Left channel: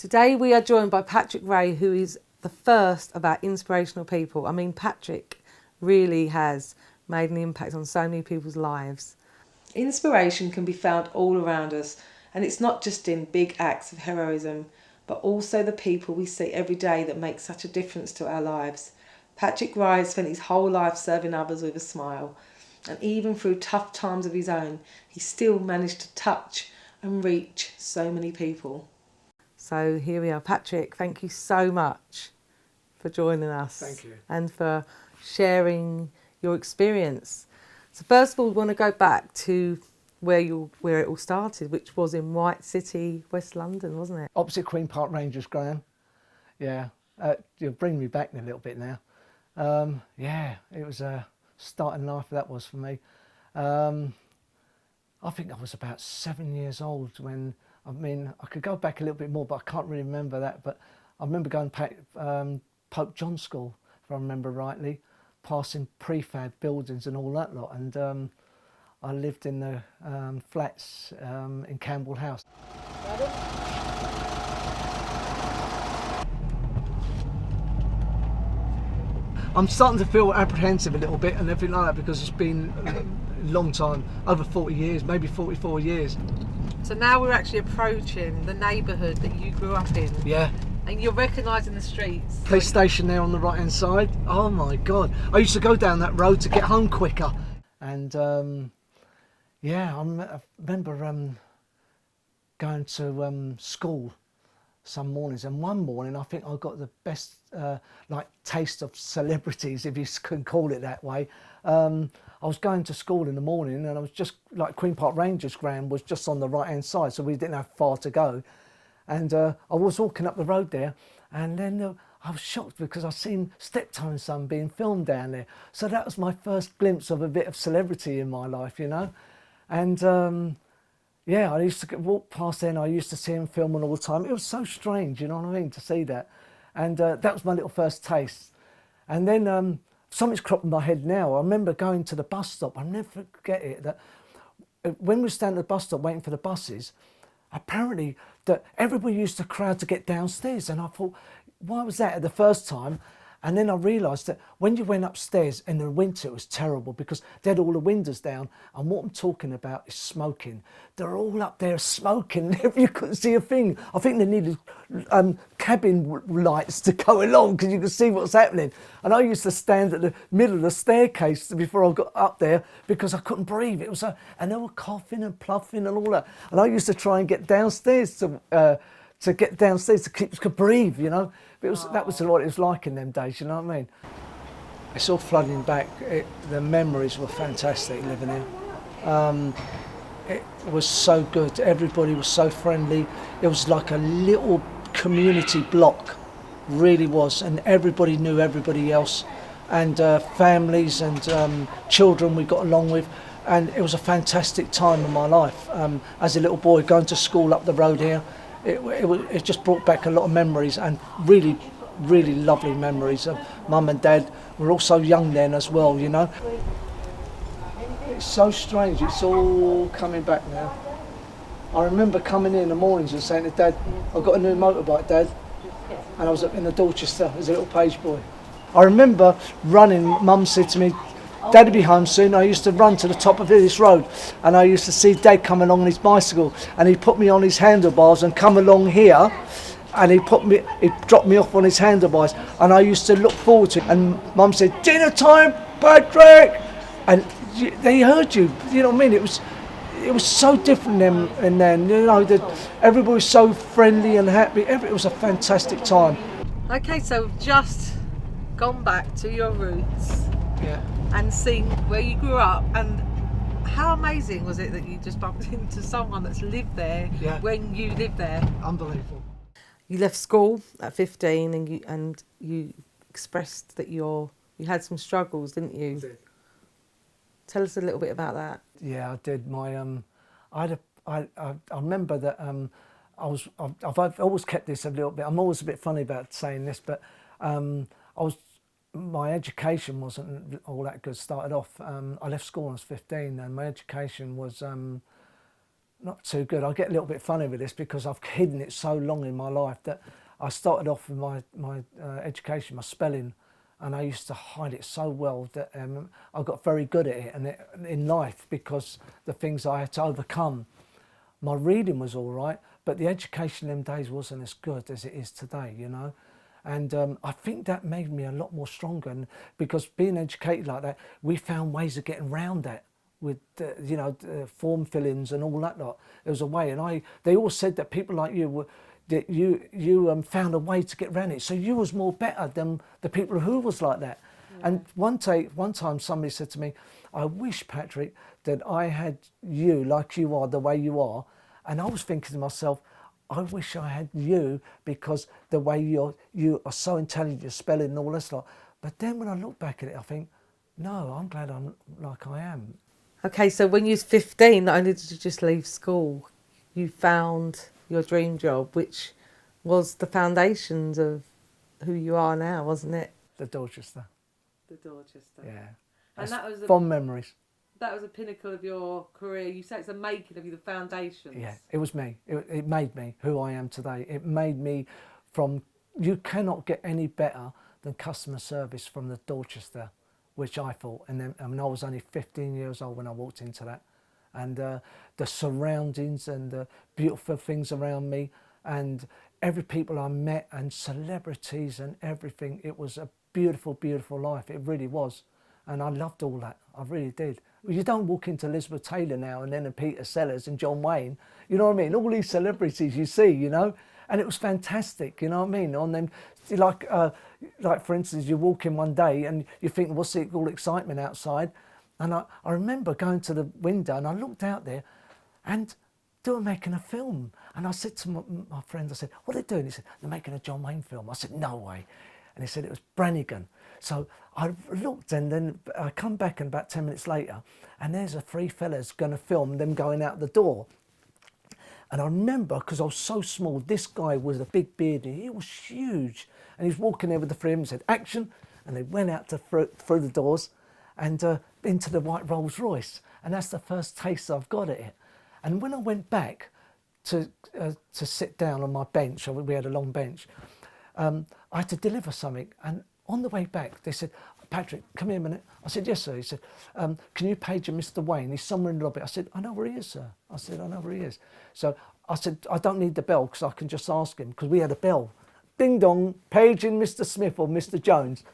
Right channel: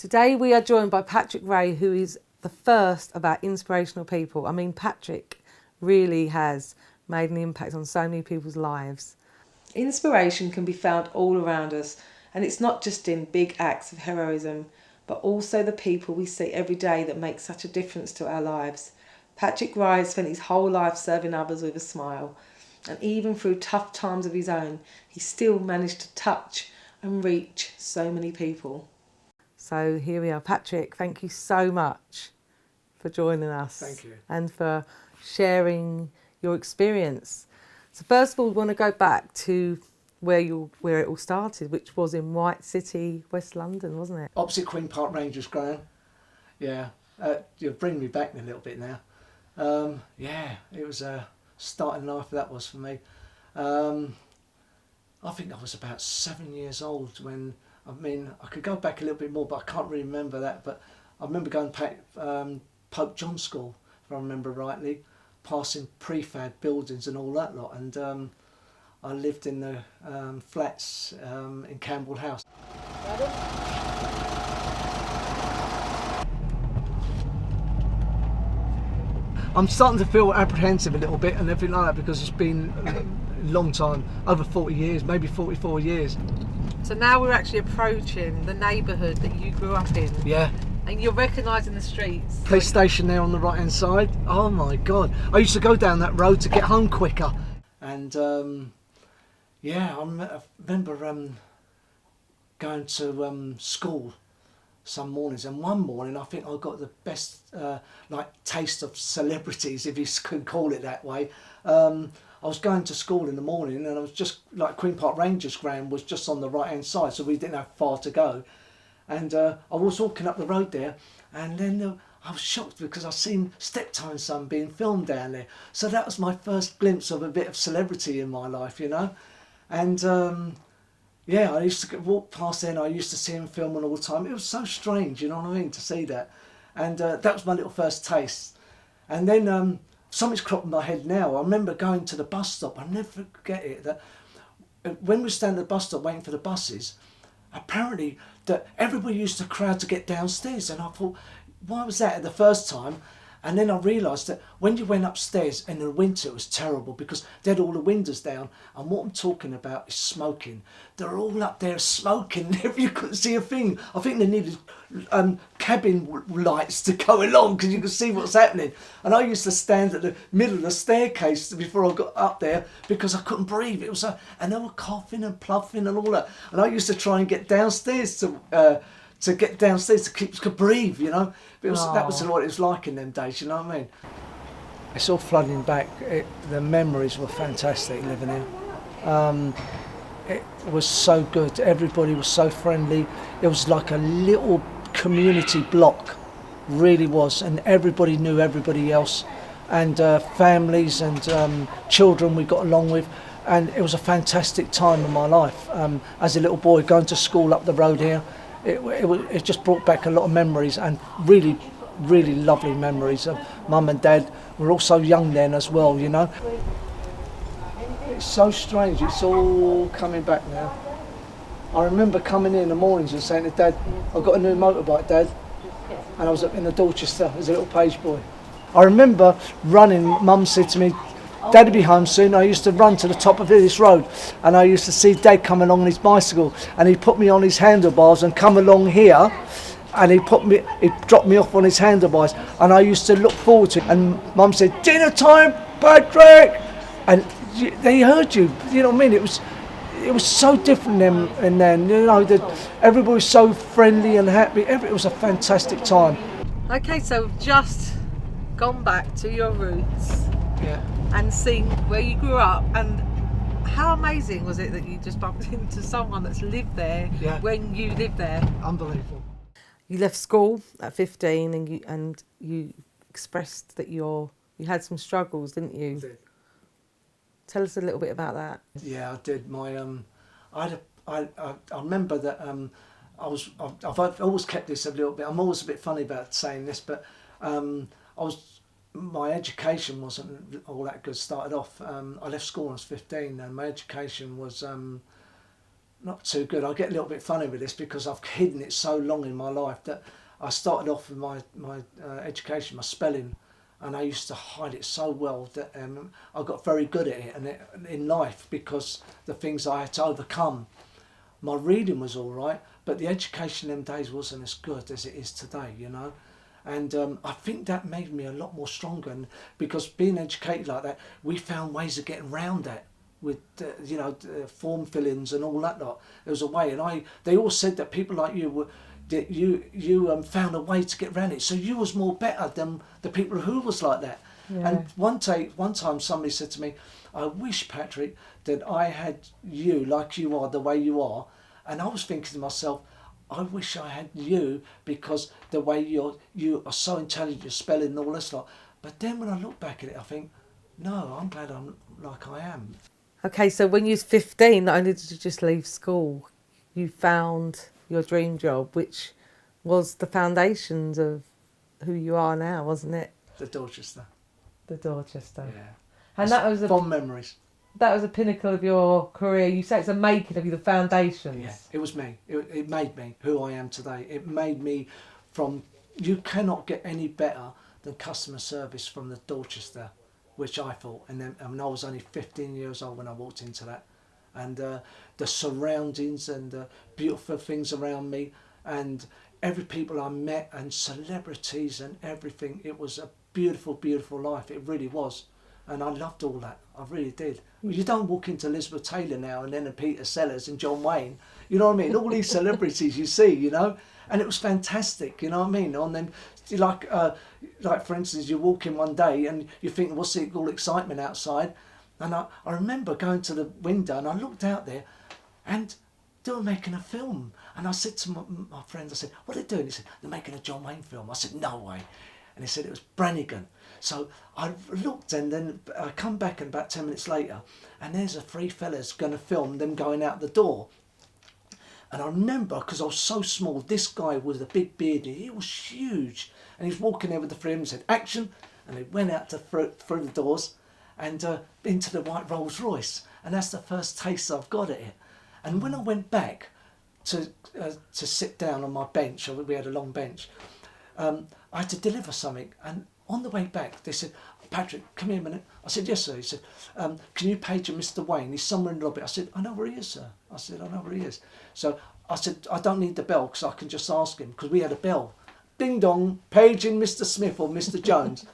Today we are joined by Patrick Wray, who is the first of our inspirational people. I mean, Patrick really has made an impact on so many people's lives. Inspiration can be found all around us, and it's not just in big acts of heroism, but also the people we see every day that make such a difference to our lives. Patrick Wray spent his whole life serving others with a smile, and even through tough times of his own, he still managed to touch and reach so many people. So here we are. Patrick, thank you so much for joining us. Thank you. And for sharing your experience. So first of all, we want to go back to where it all started, which was in White City, West London, wasn't it? Opposite Queen Park Rangers ground. Yeah, you're bringing me back a little bit now. Yeah, it was a starting life, that was for me. I think I was about 7 years old when, I could go back a little bit more, but I can't really remember that. But I remember going to Pope John School, if I remember rightly, passing prefab buildings and all that lot. And I lived in the flats in Campbell House. I'm starting to feel apprehensive a little bit and everything like that because it's been a long time, over 40 years, maybe 44 years. So now we're actually approaching the neighbourhood that you grew up in. Yeah. And you're recognising the streets. Police station there on the right hand side. Oh my God. I used to go down that road to get home quicker. And yeah, I remember going to school some mornings, and one morning I think I got the best taste of celebrities, if you can call it that way. I was going to school in the morning, and I was just like Queen Park Rangers ground was just on the right hand side, so we didn't have far to go. And I was walking up the road there, and then I was shocked because I seen Steptoe and Son being filmed down there. So that was my first glimpse of a bit of celebrity in my life, you know. And yeah, I used to walk past there and I used to see him filming all the time. It was so strange, you know what I mean, to see that. And that was my little first taste. And then something's cropped in my head now. I remember going to the bus stop. I'll never forget it. That when we were standing at the bus stop waiting for the buses, apparently that everybody used to crowd to get downstairs. And I thought, why was that at the first time? And then I realised that when you went upstairs in the winter, it was terrible because they had all the windows down. And what I'm talking about is smoking. They're all up there smoking. You couldn't see a thing. I think they needed cabin lights to go along because you could see what's happening. And I used to stand at the middle of the staircase before I got up there because I couldn't breathe. It was and they were coughing and puffing and all that. And I used to try and get downstairs to get downstairs to could breathe, you know. But that was what it was like in them days, you know what I mean? It's all flooding back. The memories were fantastic living here. It was so good. Everybody was so friendly. It was like a little community block, really was. And everybody knew everybody else. And families and children we got along with. And it was a fantastic time in my life. As a little boy going to school up the road here, it just brought back a lot of memories and really, really lovely memories of mum and dad. We were all so young then as well, you know. It's so strange, it's all coming back now. I remember coming in the mornings and saying to Dad, I've got a new motorbike, Dad. And I was up in the Dorchester as a little page boy. I remember running, Mum said to me, Dad'll be home soon. I used to run to the top of this road and I used to see Dad come along on his bicycle and he put me on his handlebars and come along here and he dropped me off on his handlebars and I used to look forward to it. And Mum said, dinner time, Patrick! And they heard you know what I mean? It was so different then, you know, everybody was so friendly and happy. It was a fantastic time. Okay, so we've just gone back to your roots. Yeah. And seen where you grew up, and how amazing was it that you just bumped into someone that's lived there when you lived there? Unbelievable. You left school at 15 and you expressed that you had some struggles, didn't you? I did. Tell us a little bit about that. Yeah, I did. I remember that I've always kept this a little bit. I'm always a bit funny about saying this, but my education wasn't all that good. Started off, I left school when I was 15, and my education was not too good. I get a little bit funny with this because I've hidden it so long in my life that I started off with my education, my spelling, and I used to hide it so well that I got very good at it and in life because the things I had to overcome. My reading was all right, but the education in them days wasn't as good as it is today, you know. And I think that made me a lot more stronger, and because being educated like that, we found ways of getting around that with you know, form fillings and all that lot. There was a way, and they all said that people like you were that you found a way to get around it, so you was more better than the people who was like that. Yeah. And one time somebody said to me, I wish, Patrick, that I had you like you are, the way you are. And I was thinking to myself, I wish I had you because the way you are so intelligent, your spelling and all this lot. But then when I look back at it, I think, no, I'm glad I'm like I am. Okay, so when you was 15, not only did you just leave school, you found your dream job, which was the foundations of who you are now, wasn't it? The Dorchester. The Dorchester. Yeah. And that was fond memories. That was a pinnacle of your career. You say it's a making of you, the foundations. Yeah, it was me. It made me who I am today. It made me from... You cannot get any better than customer service from the Dorchester, which I thought. And then I was only 15 years old when I walked into that. And the surroundings and the beautiful things around me and every people I met and celebrities and everything. It was a beautiful, beautiful life. It really was. And I loved all that. I really did. You don't walk into Elizabeth Taylor now and then Peter Sellers and John Wayne. You know what I mean? All these celebrities you see, you know? And it was fantastic, you know what I mean? And then, like for instance, you walk in one day and you think, what's the all excitement outside? And I remember going to the window and I looked out there and they were making a film. And I said to my friends, I said, what are they doing? He said, they're making a John Wayne film. I said, no way. And he said it was Brannigan. So I looked and then I come back and about 10 minutes later and there's a three fellas going to film them going out the door. And I remember, because I was so small, this guy was a big beard, he was huge. And he was walking there with the three of them and said, action. And they went out through the doors and into the white Rolls Royce. And that's the first taste I've got at it. And when I went back to sit down on my bench, we had a long bench, I had to deliver something. And on the way back, they said, Patrick, come here a minute. I said, yes, sir. He said, can you page Mr. Wayne? He's somewhere in the lobby. I said, I know where he is, sir. I said, I know where he is. So I said, I don't need the bell because I can just ask him, because we had a bell. Bing dong, paging Mr. Smith or Mr. Jones.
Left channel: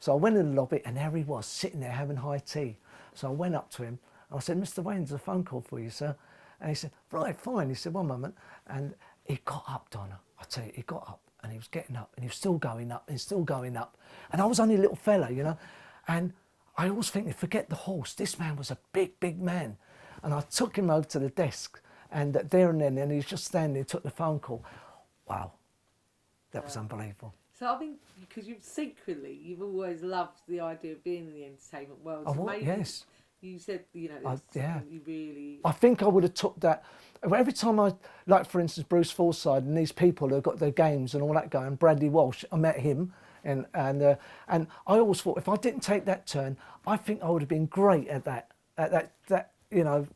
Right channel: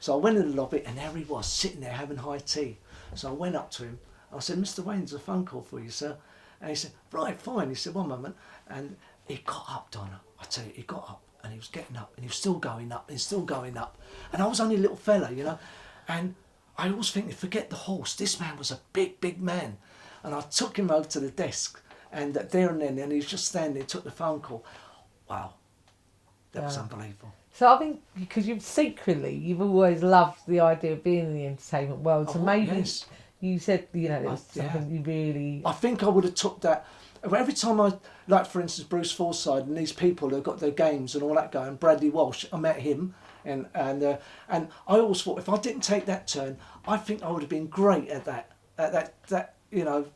So I went in the lobby and there he was, sitting there having high tea. So I went up to him. I said, Mr. Wayne's a phone call for you, sir. And he said, right, fine. He said, one moment. And he got up, Donna. I tell you, he got up. And he was getting up and he was still going up and still going up. And I was only a little fella, you know. And I always think, forget the horse. This man was a big, big man. And I took him over to the desk and there and then, and he was just standing there, took the phone call. Wow, that was unbelievable. So I think because you've always loved the idea of being in the entertainment world. So maybe you said, you know, it was something you really... I think I would have took that. Every time I, like for instance, Bruce Forsyth and these people who've got their games and all that going, Bradley Walsh, I met him, and I always thought if I didn't take that turn, I think I would have been great at that you know,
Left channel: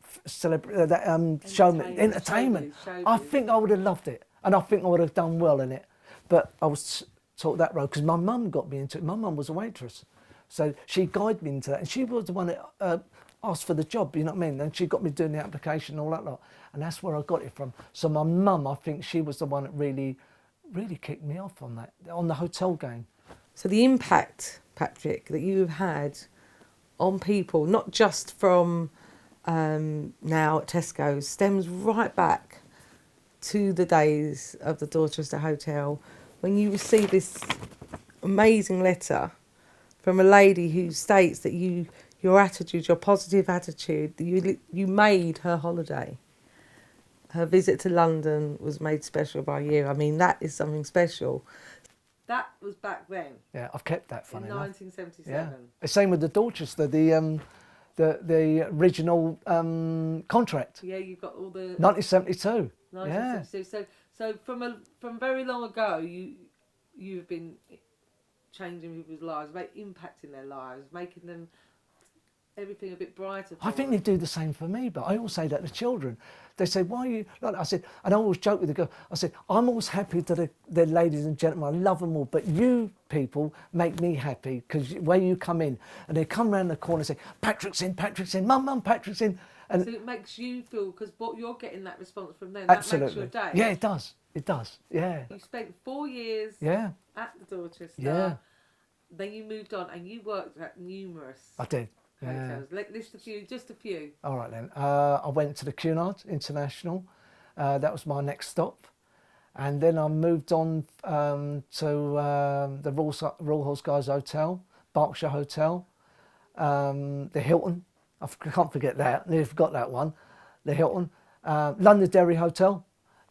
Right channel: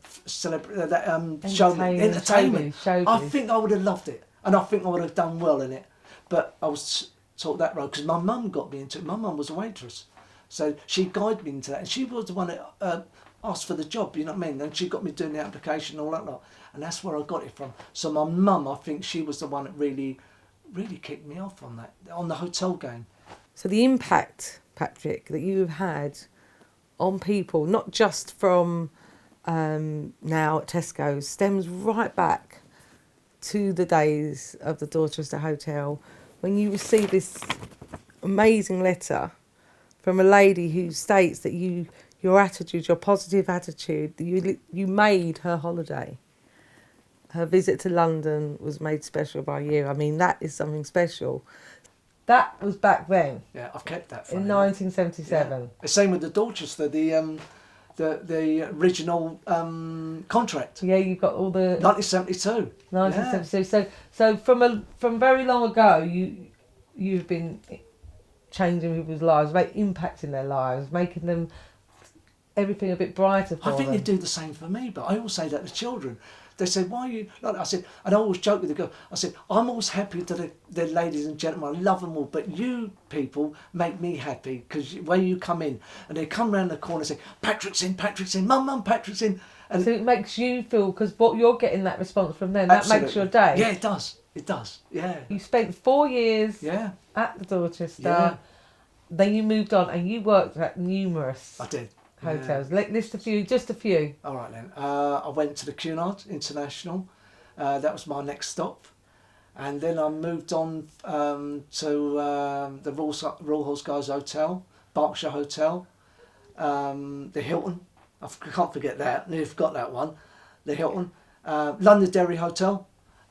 entertainment. I think I would have loved it, and I think I would have done well in it. But I was taught that road because my mum got me into it. My mum was a waitress, so she guided me into that, and she was the one that asked for the job. You know what I mean? And she got me doing the application and all that lot. And that's where I got it from. So my mum, I think she was the one that really kicked me off on that, on the hotel game. So the impact, Patrick, that you've had on people, not just from now at Tesco, stems right back to the days of the Dorchester Hotel when you received this amazing letter from a lady who states that your attitude, your positive attitude, you made her holiday. Her visit to London was made special by you. I mean, that is something special. That was back then. Yeah, I've kept that in 1977. Yeah. The same with the Dorchester, the original contract. Yeah, you got all the 1972. 1972. Yeah. So from very long ago, you've been changing people's lives, impacting their lives, making them everything a bit brighter for I think them. they do the same for me, but I always say that to children. They say, why are you like that? I said, and I always joke with the girl, I said, I'm always happy that they're ladies and gentlemen, I love them all, but you people make me happy, because when you come in, and they come round the corner and say, Patrick's in, Mum, Patrick's in. And so it makes you feel, because what you're getting that response from them, that makes your day. Yeah, it does, yeah. You spent 4 years at the Dorchester, then you moved on and you worked at numerous hotels. List a few, just a few. All right then. I went to the Cunard International. That was my next stop. And then I moved on to the Royal Horse Guards Hotel, Berkshire Hotel, the Hilton. I can't forget that. I nearly forgot that one. The Hilton. Londonderry Hotel.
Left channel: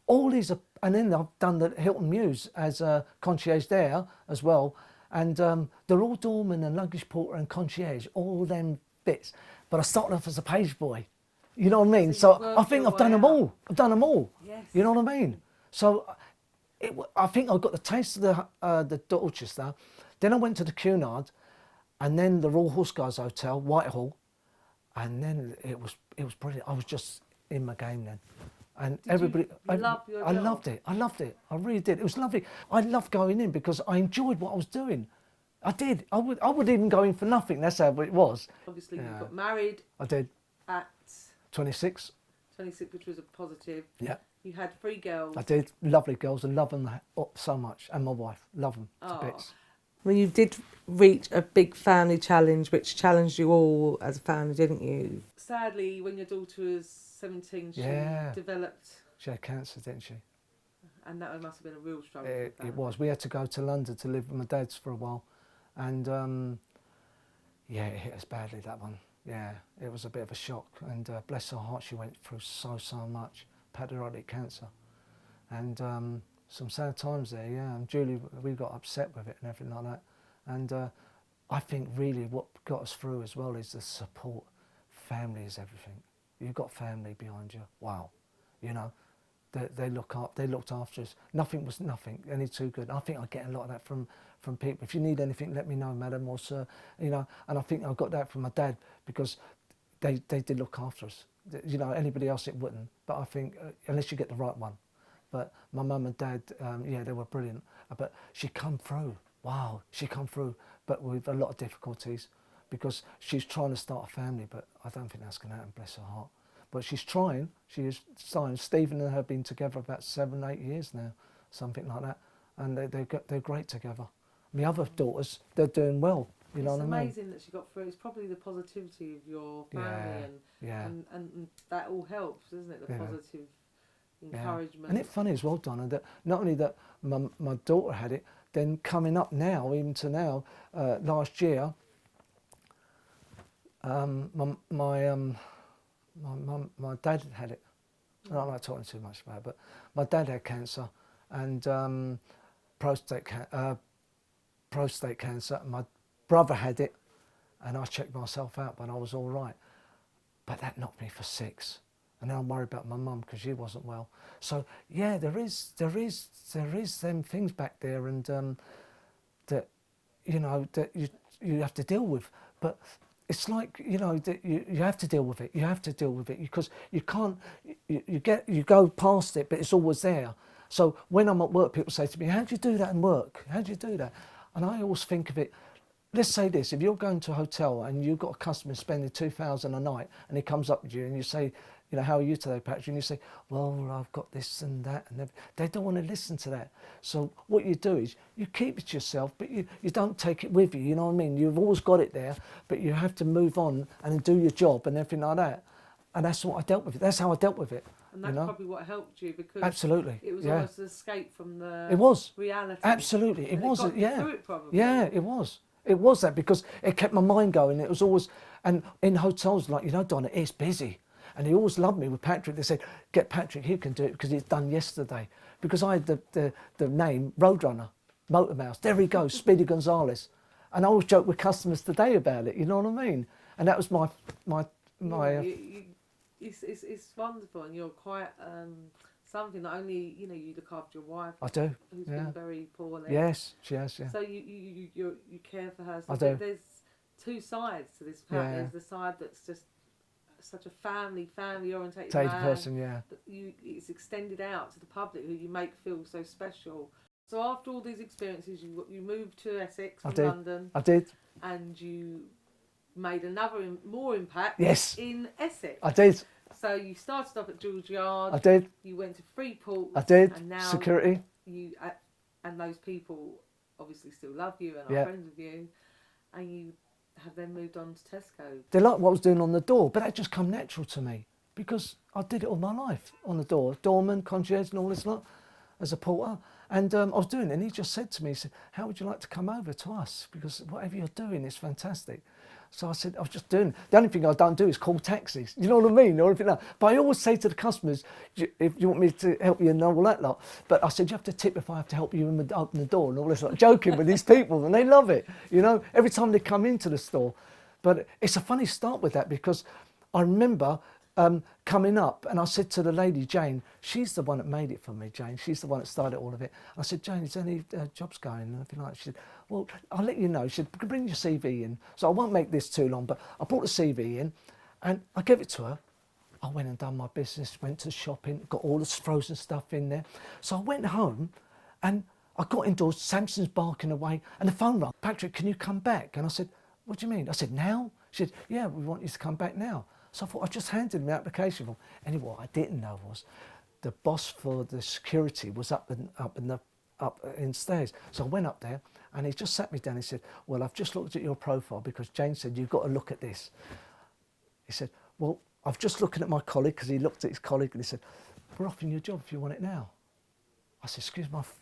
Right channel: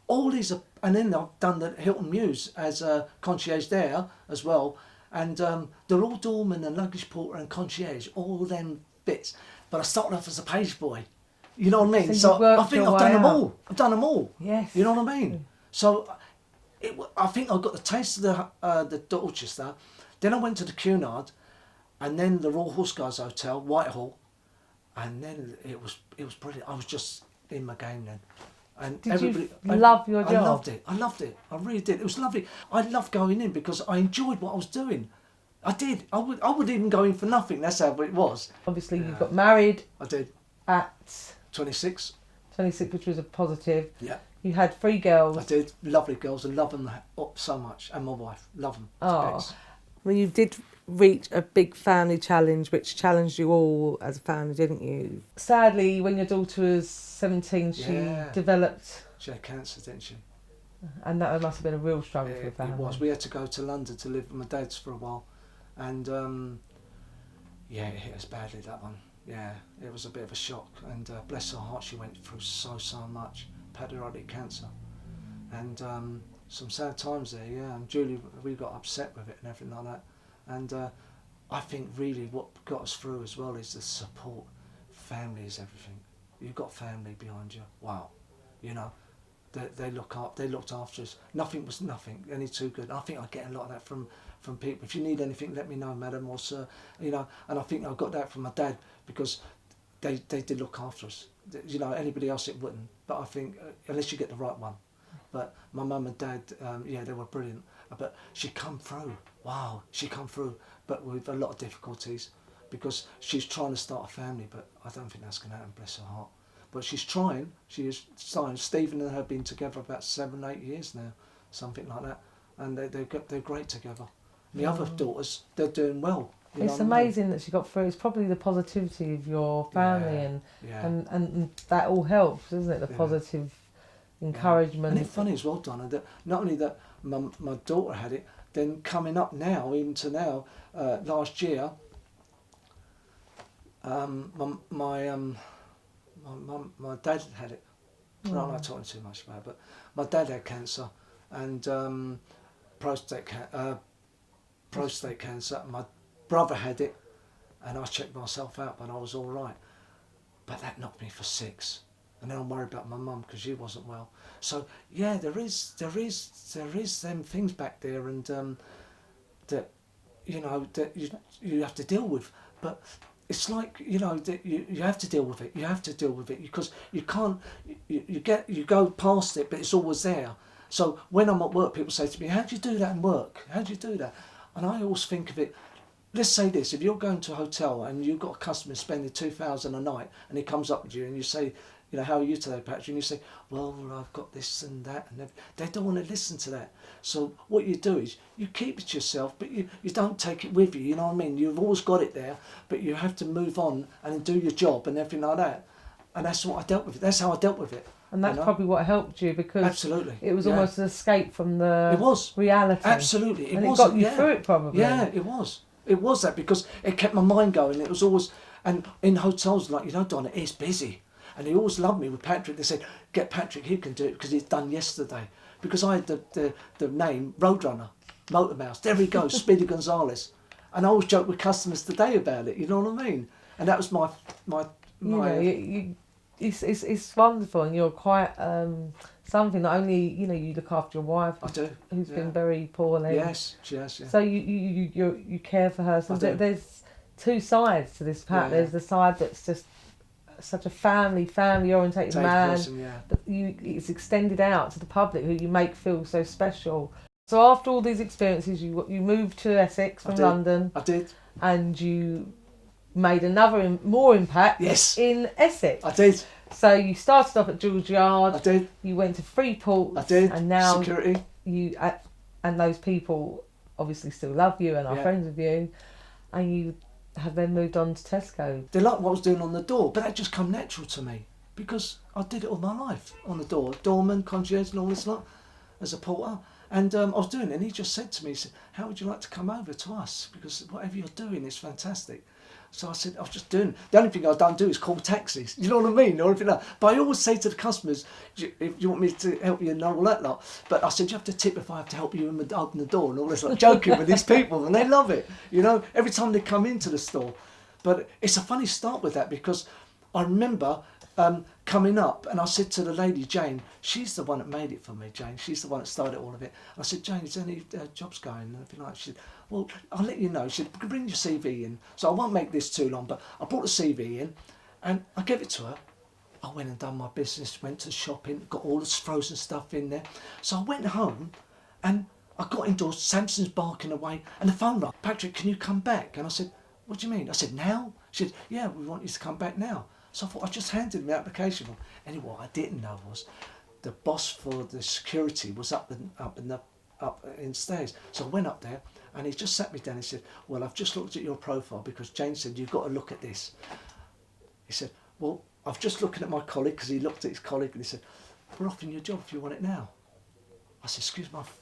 All these are, and then I've done the Hilton Mews as a concierge there as well. And they're all doorman and luggage porter and concierge, all them bits. But I started off as a page boy. You know what I mean? So I think I've done them all. I've done them all. Yes. You know what I mean? So I think I got the taste of the Dorchester. Then I went to the Cunard, and then the Royal Horse Guards Hotel, Whitehall, and then it was brilliant. I was just in my game then. And you love your job? I loved it. I really did. It was lovely. I loved going in because I enjoyed what I was doing. I did. I would even go in for nothing. That's how it was. Obviously, you got married. I did. At 26. 26, which was a positive. Yeah. You had 3 girls. I did. Lovely girls. I love them so much. And my wife. Love them. Oh. Well, you did reach a big family challenge, which challenged you all as a family, didn't you? Sadly, when your daughter was 17, she developed... She had cancer, didn't she? And that must have been a real struggle for the family. It was. We had to go to London to live with my dad's for a while. And, it hit us badly, that one. Yeah, it was a bit of a shock. And bless her heart, she went through so much. Pancreatic cancer. And some sad times there, yeah. And Julie, we got upset with it and everything like that. And I think really what got us through as well is the support. Family is everything. You've got family behind you. Wow. You know, they looked after us. Nothing was nothing, any too good. And I think I get a lot of that from people. If you need anything, let me know, madam or sir. You know, and I think I got that from my dad because they did look after us. You know, anybody else it wouldn't. But I think unless you get the right one. But my mum and dad, they were brilliant. But she come through. Wow, she come through, but with a lot of difficulties because she's trying to start a family. But I don't think that's going to happen. Bless her heart. But she's trying. She is trying. Stephen and her have been together about 7-8 years now, something like that, and they're great together. My other daughters, they're doing well. It's amazing that she got through. It's probably the positivity of your family and that all helps, isn't it? The positive encouragement. And it's funny as well, Donna, that not only that my daughter had it, then coming up now, even to now, last year, my dad had it. I don't like talking too much about it, but my dad had cancer and prostate cancer. My brother had it, and I checked myself out, but I was all right. But that knocked me for 6, and then I'm worried about my mum because she wasn't well. So yeah, there is them things back there, and that that you have to deal with, but. It's like, that you have to deal with it. You have to deal with it because you can't, you go past it, but it's always there. So when I'm at work, people say to me, how do you do that in work? How do you do that? And I always think of it, let's say this, if you're going to a hotel and you've got a customer spending $2,000 a night and he comes up with you and you say, how are you today, Patrick? And you say, well, I've got this and that. And they don't want to listen to that. So what you do is you keep it to yourself, but you don't take it with you, you know what I mean? You've always got it there, but you have to move on and do your job and everything like that. And that's what I dealt with. That's how I dealt with it. And that's probably what helped you because absolutely, it was almost an escape from the reality. Absolutely. It got you through it probably. Yeah, it was. It was that because it kept my mind going. It was always, and in hotels, like, Donna, it's busy. And they always loved me with Patrick. They said, get Patrick, he can do it because it's done yesterday. Because I had the name Roadrunner, Motor Mouse. There he goes, Speedy Gonzales. And I always joke with customers today about it, you know what I mean? And that was my it's wonderful, and you're quite something that only, you look after your wife. I do. Who's been very poorly. Yes, she has, yeah. So you care for her. So there's two sides to this Pat. Yeah. There's the side that's just such a family orientated man, person, yeah. but it's extended out to the public who you make feel so special. So after all these experiences, you moved to Essex from London. I did. And you made another more impact in Essex. I did. So you started off at George Yard. I did. You went to Freeport. I did. And now security. And those people obviously still love you and are friends with you, and you have then moved on to Tesco. They liked what I was doing on the door, but that just come natural to me because I did it all my life on the door, doorman, concierge, and all this lot as a porter. And I was doing it, and he just said to me, he said, "How would you like to come over to us? Because whatever you're doing is fantastic." So I said, I was just doing, the only thing I don't do is call taxis. You know what I mean? Or anything like that. But I always say to the customers, if you want me to help you and all that lot. But I said, you have to tip if I have to help you open the door and all this, like joking with these people, and they love it. You know, every time they come into the store. But it's a funny start with that because I remember coming up and I said to the lady, Jane, she's the one that made it for me, Jane. She's the one that started all of it. I said, Jane, is there any jobs going? And everything like that. She said, well, I'll let you know. She said, bring your CV in. So I won't make this too long, but I brought the CV in and I gave it to her. I went and done my business, went to shopping, got all this frozen stuff in there. So I went home and I got indoors, Samson's barking away, and the phone rang. Patrick, can you come back? And I said, what do you mean? I said, now? She said, yeah, we want you to come back now. So I thought, I just handed him the application form. Anyway, what I didn't know was the boss for the security was up in stairs. So I went up there and he just sat me down. He said, well, I've just looked at your profile because Jane said, you've got to look at this. He said, well, I've just looking at my colleague, because he looked at his colleague and he said, we're offering you a job if you want it now. I said, excuse me, I've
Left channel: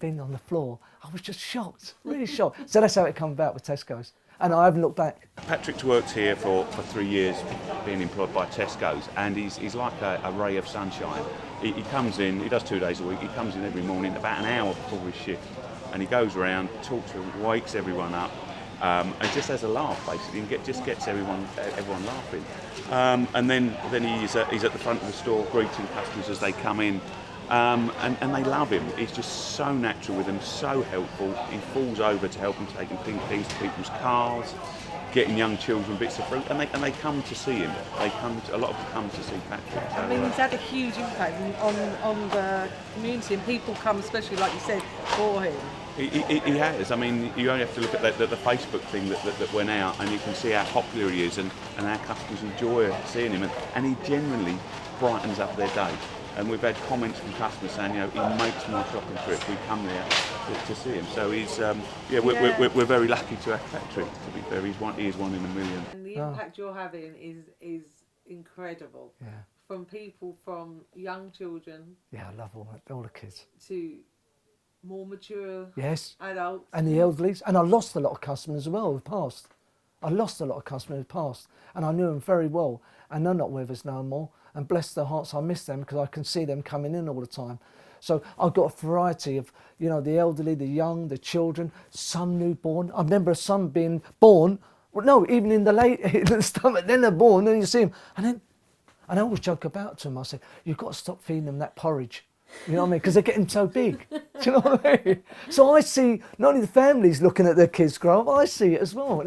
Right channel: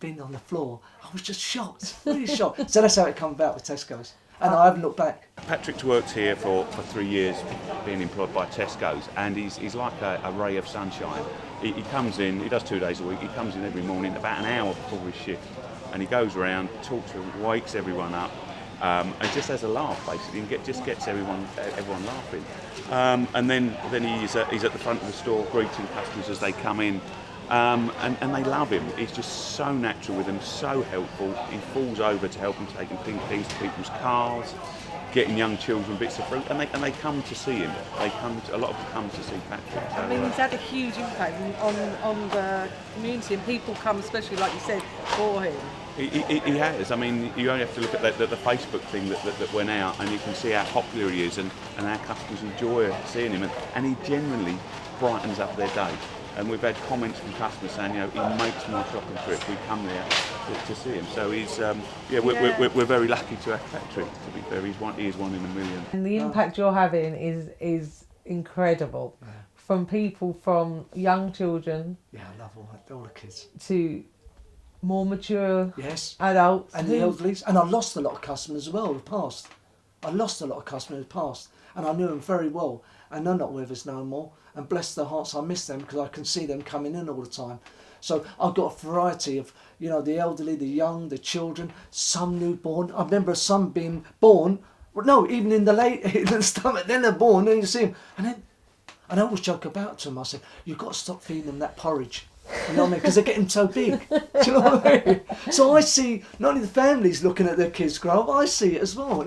been on the floor. I was just shocked, really shocked. So that's how it came about with Tesco's. And I haven't looked back. Patrick's worked here for 3 years, being employed by Tesco's, and he's like a ray of sunshine. He comes in, he does 2 days a week, he comes in every morning about an hour before his shift, and he goes around, talks to them, wakes everyone up, and just has a laugh basically, and just gets everyone laughing. And then he's at the front of the store greeting customers as they come in. And they love him. He's just so natural with them, so helpful. He falls over to help them taking things to people's cars, getting young children bits of fruit, and they come to see him. A lot of them come to see Patrick. So, I mean, he's had a huge impact on the community, and people come, especially like you said, for him. He has. I mean, you only have to look at the Facebook thing that went out, and you can see how popular he is, and our customers enjoy seeing him, and he genuinely brightens up their day. And we've had comments from customers saying, you know, he makes my shopping trip. We come there to see him. So he's, we're very lucky to have Patrick. To be fair, he is one in a million. And the impact you're having is incredible. Yeah. From people, from young children. Yeah, I love all the kids. To more mature And adults. the elderlies. And I lost a lot of customers as well who passed. I lost a lot of customers who passed. And I knew them very well. And they're not with us no more. And bless their hearts, I miss them because I can see them coming in all the time. So I've got a variety of, you know, the elderly, the young, the children, some newborn. I remember some being born, well, no, even in the stomach, then they're born, then you see them. And I always joke about to them, I say, you've got to stop feeding them that porridge. You know what I mean? Because they're getting so big. Do you know what I mean? So I see not only the families looking at their kids grow up, I see it as well.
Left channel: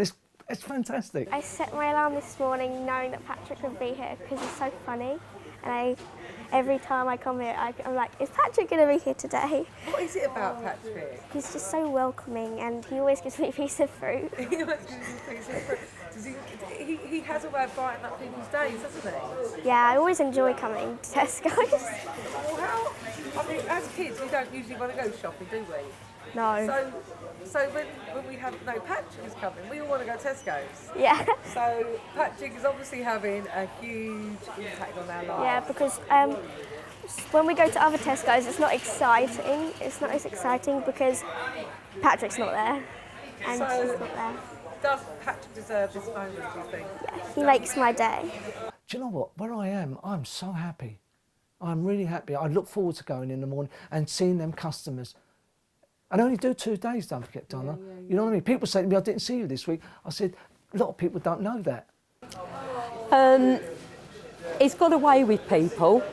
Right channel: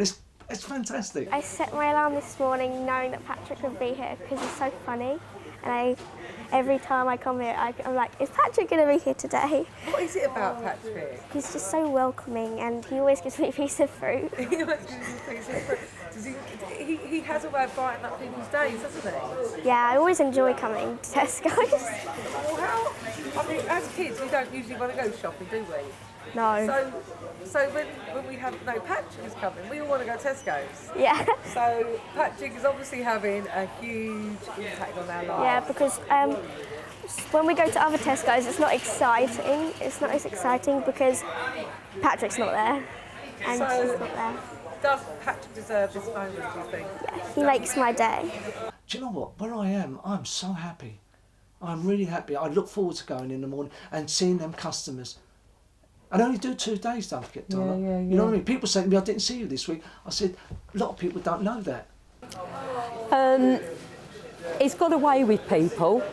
It's fantastic. I set my alarm this morning knowing that Patrick would be here because he's so funny, and every time I come here I'm like, is Patrick going to be here today? What is it about Patrick? He's just so welcoming and he always gives me a piece of fruit. He always gives you a piece of fruit. He has a way of brightening up people's days, doesn't he? Yeah, I always enjoy coming to Tesco's. Well, I mean, as kids we don't usually want to go shopping, do we? No. So when we have Patrick is coming, we all want to go to Tesco's. Yeah. So Patrick is obviously having a huge impact on our lives. Yeah, because when we go to other Tesco's, it's not exciting. It's not as exciting because Patrick's not there, and he's not there. Does Patrick deserve this moment, do you think? Yeah, he makes my day. Do you know what? Where I am, I'm so happy. I'm really happy. I look forward to going in the morning and seeing them customers. I only do 2 days, don't forget, Donna. Yeah. You know what I mean? People say to me, I didn't see you this week. I said, a lot of people don't know that. He's got away with people,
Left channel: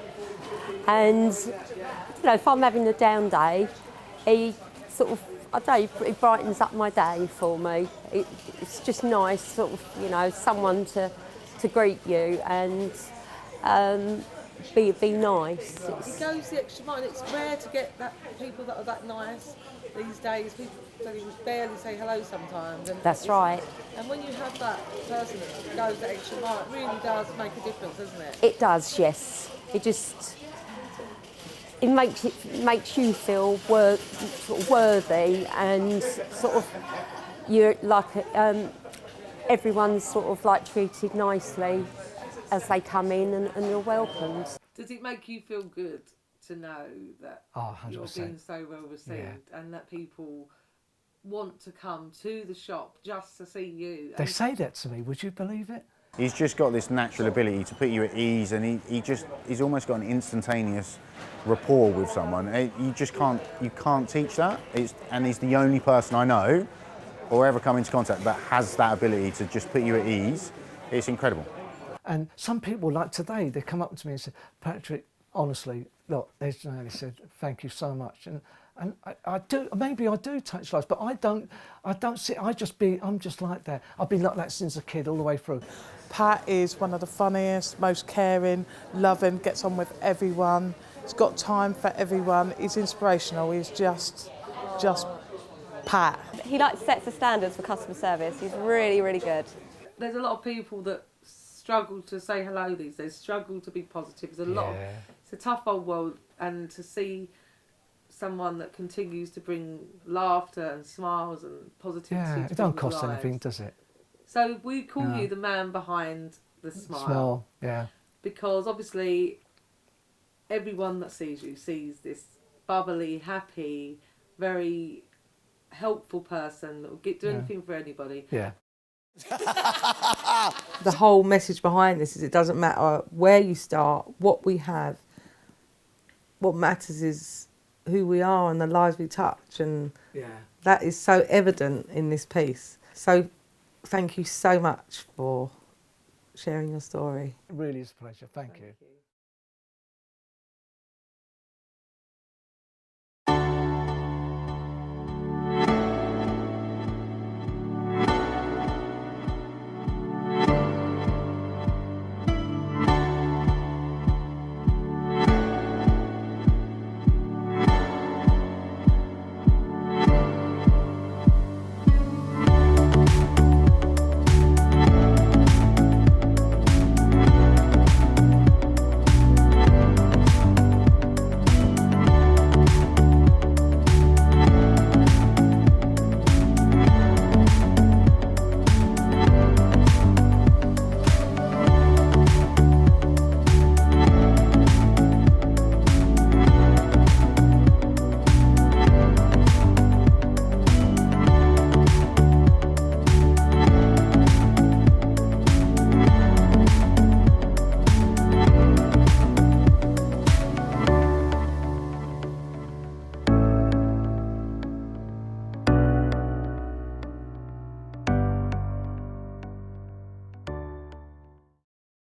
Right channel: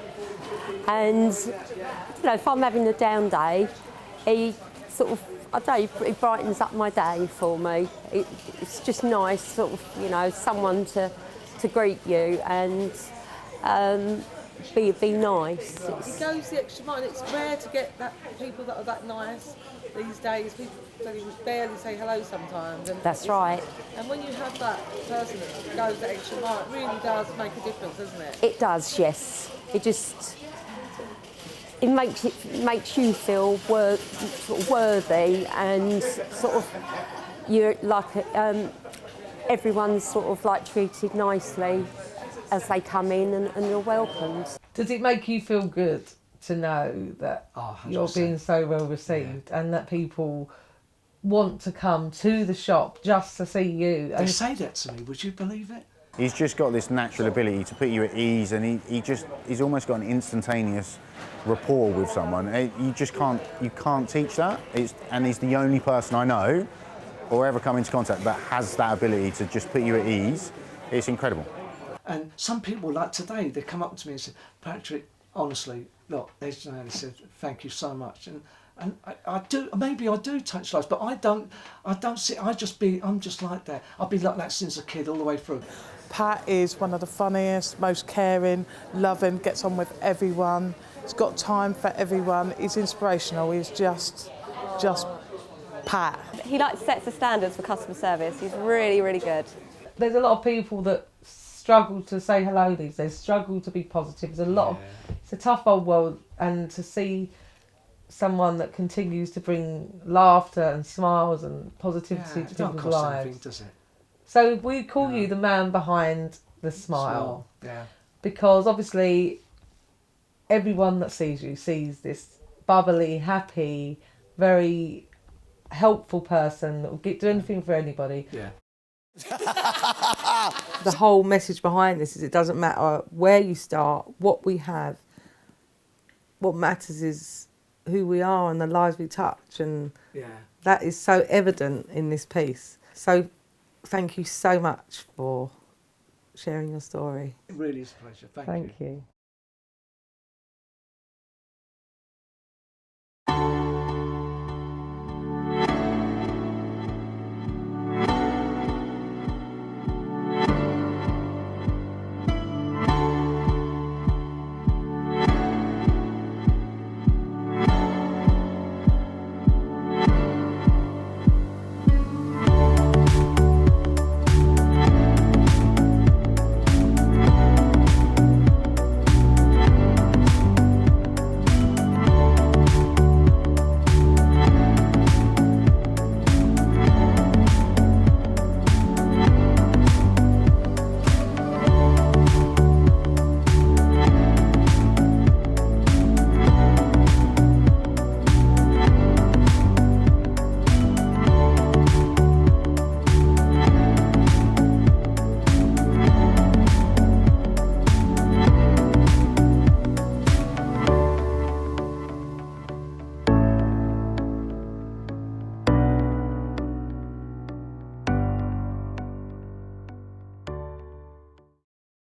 and you know, if I'm having a down day, he sort of I don't know, it brightens up my day for me. It's just nice, sort of, you know, someone to greet you and be nice. He goes the extra mile. It's rare to get people that are that nice these days. People don't even barely say hello sometimes. And That's right. And when you have that person that goes the extra mile, it really does make a difference, doesn't it? It does, yes. It makes you feel sort of worthy, and sort of you're like everyone's sort of like treated nicely as they come in, and you're welcomed. Does it make you feel good to know that you're being so well received, and that people want to come to the shop just to see you? They say that to me, would you believe it? He's just got this natural ability to put you at ease, and he's almost got an instantaneous rapport with someone. You can't teach that. And he's the only person I know or ever come into contact that has that ability to just put you at ease. It's incredible. And some people, like today, they come up to me and say, Patrick, honestly, look, they said, thank you so much. And I do, maybe I do touch lives, but I don't see, I'm just like that. I've been like that since a kid all the way through. Pat is one of the funniest, most caring, loving, gets on with everyone. He's got time for everyone. He's inspirational. He's just Pat. He sets the standards for customer service. He's really, really good. There's a lot of people that struggle to say hello these days, struggle to be positive. It's a tough old world, and to see someone that continues to bring laughter and smiles and positivity to it don't people's cost lives. anything, does it? So we call you the man behind the smile. Yeah. Because obviously everyone that sees you sees this bubbly, happy, very helpful person that will do anything for anybody. Yeah. The whole message behind this is it doesn't matter where you start, what we have. What matters is who we are and the lives we touch, and that is so evident in this piece. So thank you so much for sharing your story. It really is a pleasure. Thank you. Thank you.